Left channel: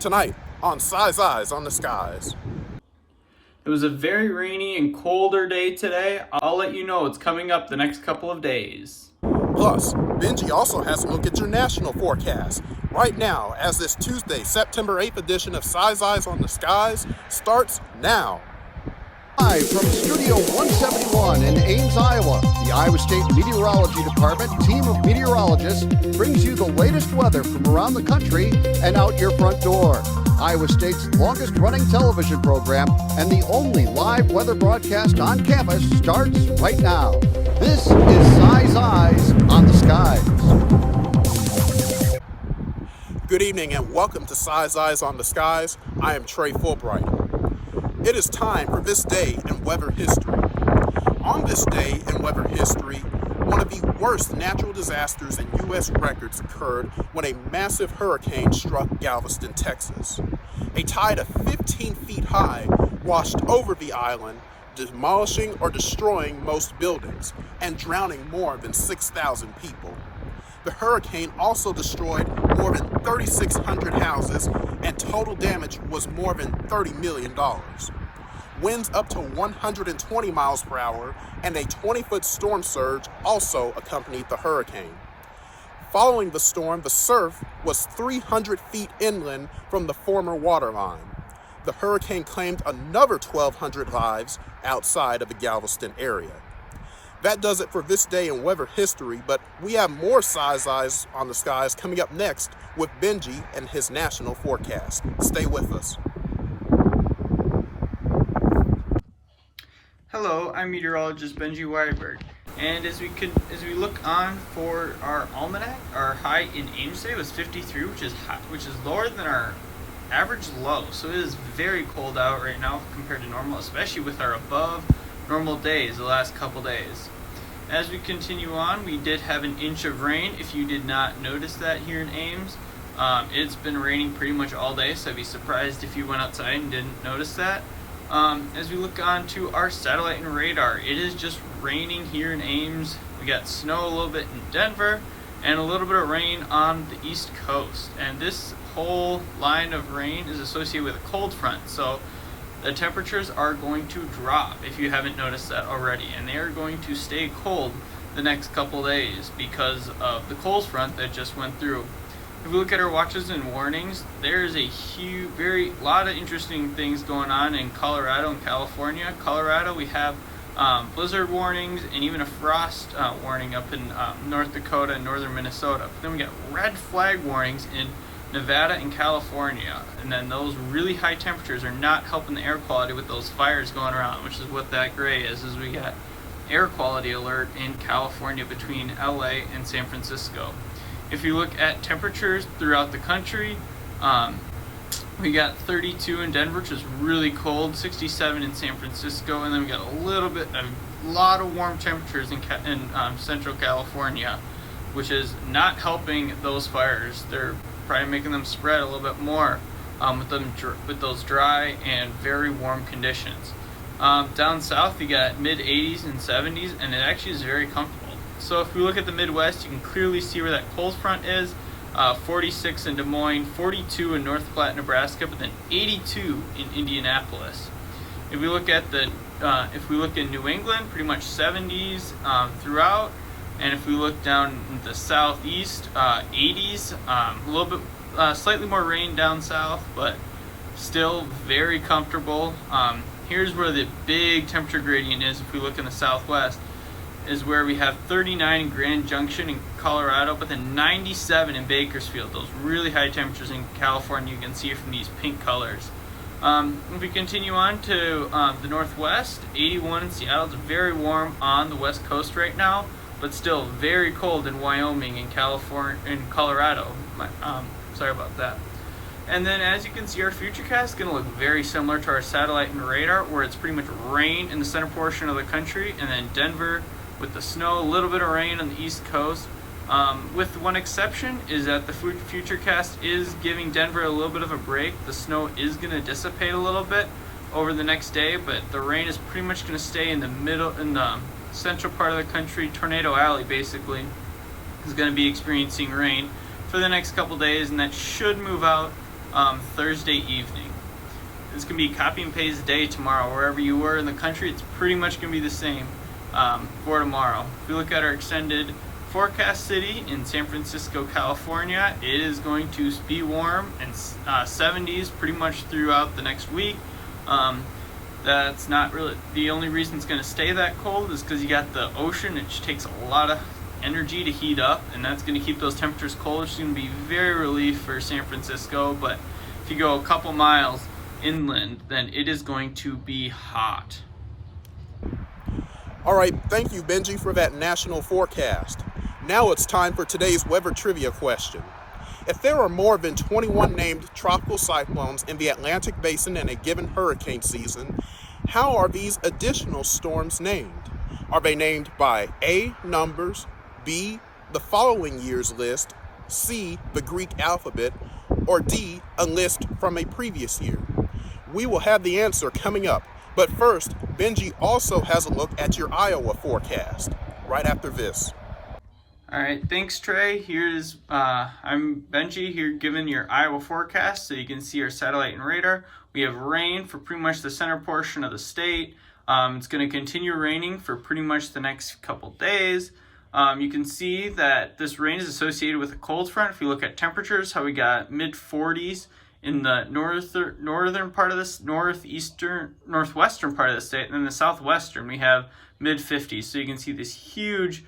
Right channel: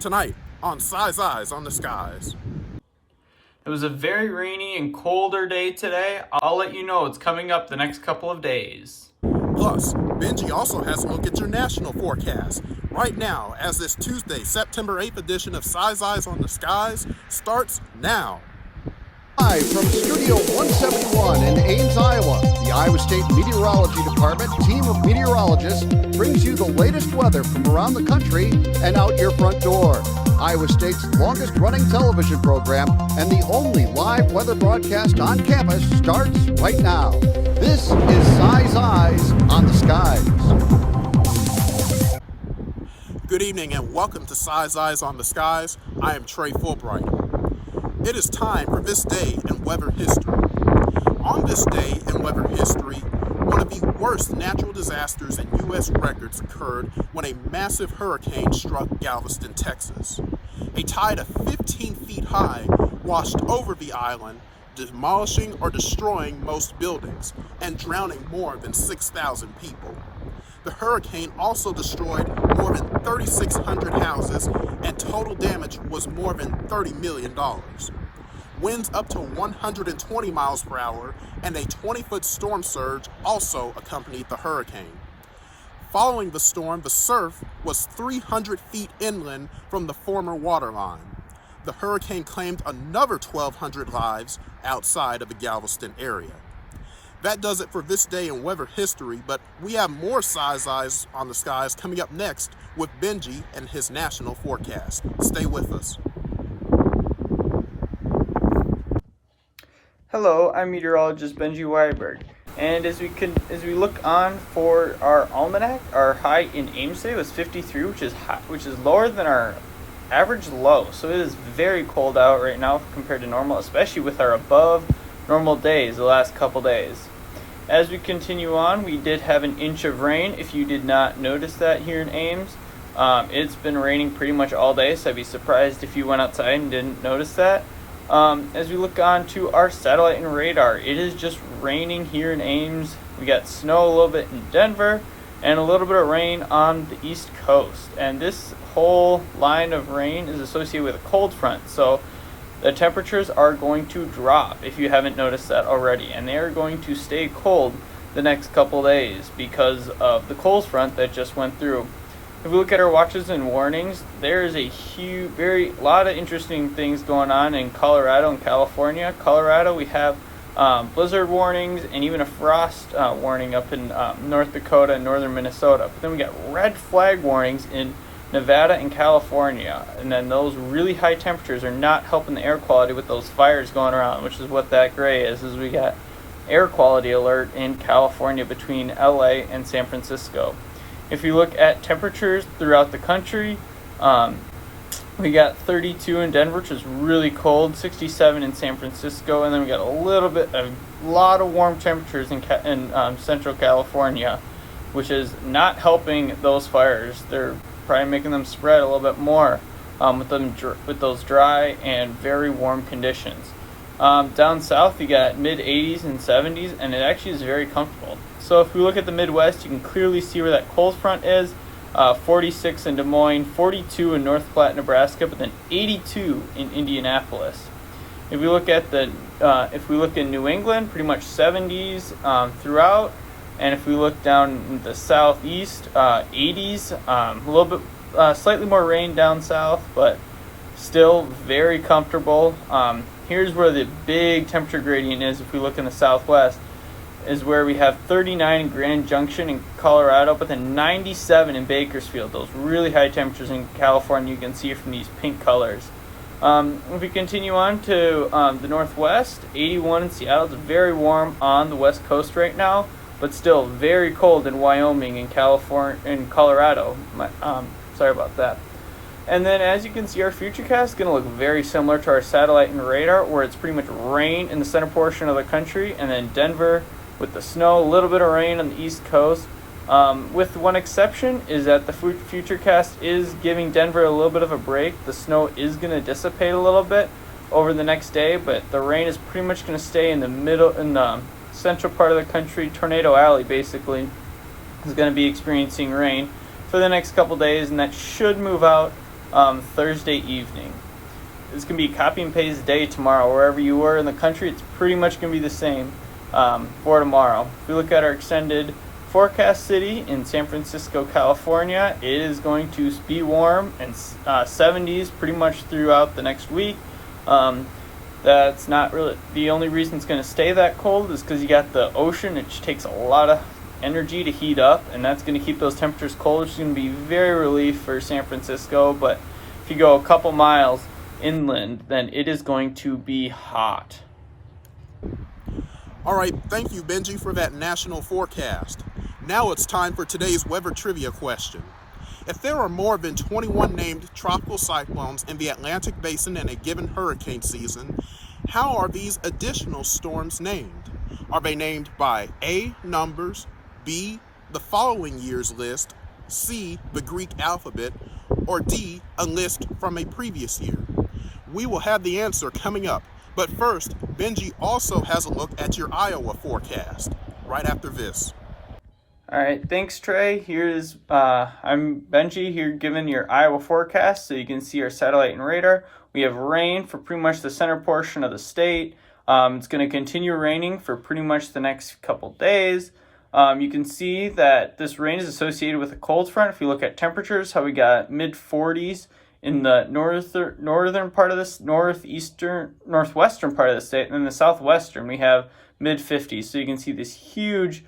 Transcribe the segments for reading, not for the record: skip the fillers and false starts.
Tonight on Cys Eyes on the Skies. It was a very rainy and colder day today. I'll let you know it's coming up the next couple of days. Plus, Benji also has a look at your national forecast. Right now, as this Tuesday, September 8th edition of Cys Eyes on the Skies starts now. Live from Studio 171 in Ames, Iowa, the Iowa State Meteorology Department team of meteorologists brings you the latest weather from around the country and out your front door. Iowa State's longest running television program and the only live weather broadcast on campus starts right now. This is Cys Eyes on the Skies. Good evening and welcome to Cys Eyes on the Skies. I am Trey Fulbright. It is time for this day in weather history. On this day in weather history, one of the worst natural disasters in U.S. records occurred when a massive hurricane struck Galveston, Texas. A tide of 15 feet high washed over the island, demolishing or destroying most buildings and drowning more than 6,000 people. The hurricane also destroyed more than 3,600 houses, and total damage was more than $30 million. Winds up to 120 miles per hour and a 20-foot storm surge also accompanied the hurricane. Following the storm, the surf was 300 feet inland from the former waterline. The hurricane claimed another 1,200 lives outside of the Galveston area. That does it for this day in weather history, but we have more Cys Eyes on the Skies coming up next with Benji and his national forecast. Stay with us. Hello, I'm meteorologist Benji Weiberg, and as we look on for our almanac, our high in Ames today was 53, which is lower than our average low. So it is very cold out right now compared to normal, especially with our above normal days the last couple days. As we continue on, we did have an inch of rain. If you did not notice that here in Ames, it's been raining pretty much all day, so I'd be surprised if you went outside and didn't notice that. As we look on to our satellite and radar, it is just raining here in Ames. We got snow a little bit in Denver and a little bit of rain on the East Coast. And this whole line of rain is associated with a cold front. So the temperatures are going to drop if you haven't noticed that already. And they are going to stay cold the next couple days because of the cold front that just went through. If we look at our watches and warnings, there is a lot of interesting things going on in Colorado and California. Colorado, we have blizzard warnings and even a frost warning up in North Dakota and northern Minnesota. But then we got red flag warnings in Nevada and California. And then those really high temperatures are not helping the air quality with those fires going around, which is what that gray is we got air quality alert in California between LA and San Francisco. If you look at temperatures throughout the country, we got 32 in Denver, which is really cold, 67 in San Francisco, and then we got a lot of warm temperatures in Central California, which is not helping those fires. They're probably making them spread a little bit more with those dry and very warm conditions. Down south, you got mid 80s and 70s, and it actually is very comfortable. So if we look at the Midwest, you can clearly see where that cold front is. 46 in Des Moines, 42 in North Platte, Nebraska, but then 82 in Indianapolis. If we look in New England, pretty much 70s throughout. And if we look down in the southeast, 80s, a little bit, slightly more rain down south, but still very comfortable. Here's where the big temperature gradient is. If we look in the southwest, is where we have 39 in Grand Junction in Colorado, but then 97 in Bakersfield. Those really high temperatures in California, you can see from these pink colors. If we continue on to the northwest, 81 in Seattle. It's very warm on the west coast right now, but still very cold in Wyoming and California and Colorado. Sorry about that. And then as you can see, our futurecast is going to look very similar to our satellite and radar, where it's pretty much rain in the center portion of the country, and then Denver with the snow, a little bit of rain on the East Coast. With one exception, is that the futurecast is giving Denver a little bit of a break. The snow is going to dissipate a little bit over the next day, but the rain is pretty much going to stay in the central part of the country. Tornado Alley basically is going to be experiencing rain for the next couple days, and that should move out Thursday evening. It's going to be copy and paste day tomorrow. Wherever you were in the country, it's pretty much going to be the same for tomorrow. If we look at our extended forecast city in San Francisco, California, it is going to be warm and 70s pretty much throughout the next week. That's not really the only reason it's going to stay that cold is because you got the ocean, which takes a lot of energy to heat up, and that's going to keep those temperatures cold, which is going to be very relief for San Francisco. But if you go a couple miles inland, then it is going to be hot. All right, thank you, Benji, for that national forecast. Now it's time for today's weather trivia question. If there are more than 21 named tropical cyclones in the Atlantic Basin in a given hurricane season, how are these additional storms named? Are they named by A, numbers, B, the following year's list, C, the Greek alphabet, or D, a list from a previous year? We will have the answer coming up, but first, Benji also has a look at your Iowa forecast, right after this. All right, thanks, Trey. I'm Benji here giving your Iowa forecast so you can see our satellite and radar. We have rain for pretty much the center portion of the state. It's going to continue raining for pretty much the next couple days. You can see that this rain is associated with a cold front. If you look at temperatures, how we got mid-40s in the northern part of this, northwestern part of the state, and then the southwestern we have mid-50s. So you can see this huge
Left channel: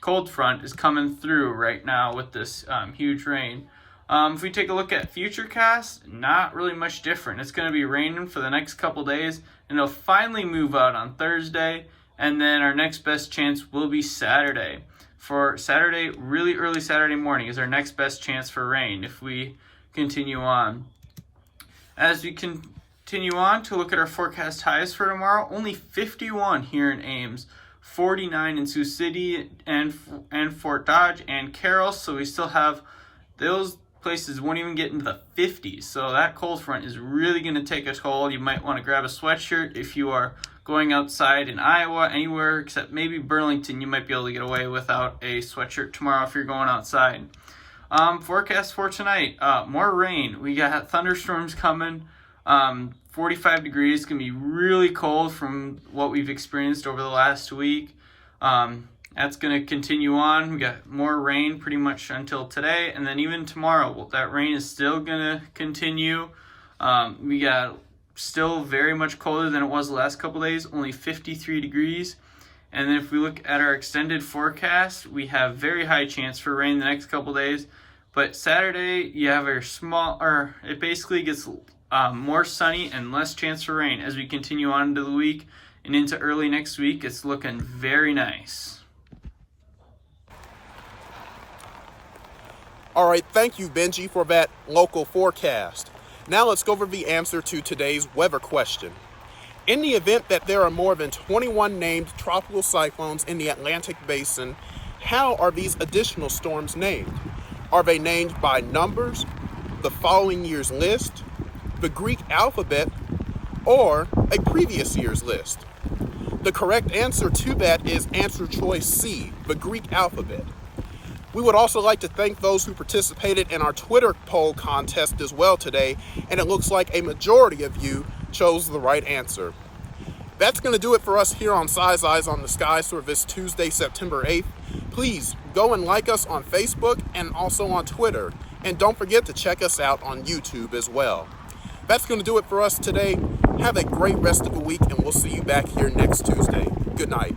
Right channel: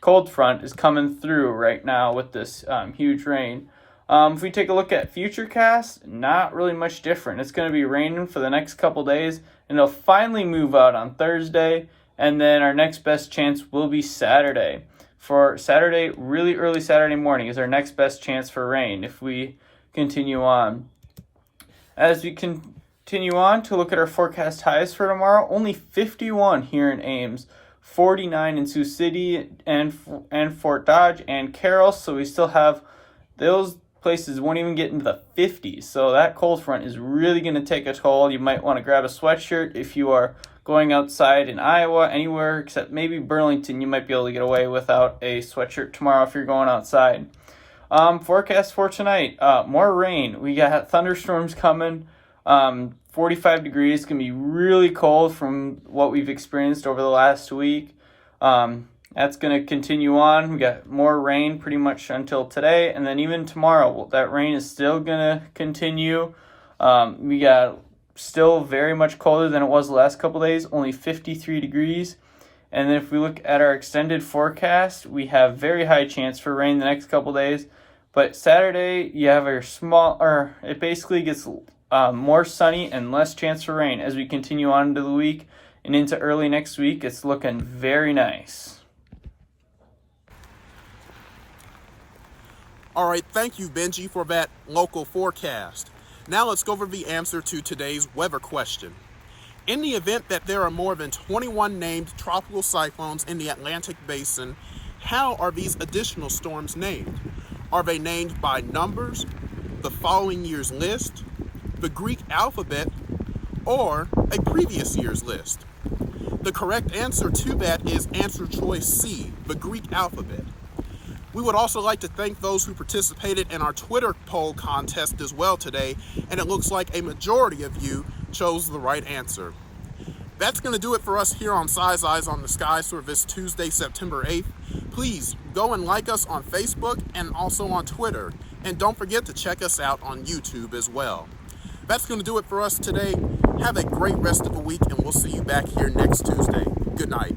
cold front is coming through right now with this huge rain. If we take a look at futurecast, not really much different. It's going to be raining for the next couple days, and it'll finally move out on Thursday, and then our next best chance will be Saturday. For Saturday, really early Saturday morning is our next best chance for rain if we continue on. As we continue on to look at our forecast highs for tomorrow, only 51 here in Ames, 49 in Sioux City and Fort Dodge and Carroll, so we still have those places won't even get into the 50s. So that cold front is really going to take a toll. You might want to grab a sweatshirt if you are going outside in Iowa, anywhere except maybe Burlington. You might be able to get away without a sweatshirt tomorrow if you're going outside. Forecast for tonight, more rain. We got thunderstorms coming. 45 degrees, going to be really cold from what we've experienced over the last week. That's going to continue on. We got more rain pretty much until today, and then even tomorrow, that rain is still going to continue. We got still very much colder than it was the last couple days, only 53 degrees. And then if we look at our extended forecast, we have very high chance for rain the next couple days. But Saturday, you have it basically gets more sunny and less chance for rain. As we continue on into the week and into early next week, it's looking very nice. All right, thank you, Benji, for that local forecast. Now let's go over the answer to today's weather question. In the event that there are more than 21 named tropical cyclones in the Atlantic Basin, how are these additional storms named? Are they named by numbers, the following year's list, the Greek alphabet, or a previous year's list? The correct answer to that is answer choice C, the Greek alphabet. We would also like to thank those who participated in our Twitter poll contest as well today, and it looks like a majority of you chose the right answer. That's going to do it for us here on Cys Eyes on the Skies for this Tuesday, September 8th. Please go and like us on Facebook and also on Twitter, and don't forget to check us out on YouTube as well. That's going to do it for us today. Have a great rest of the week, and we'll see you back here next Tuesday. Good night.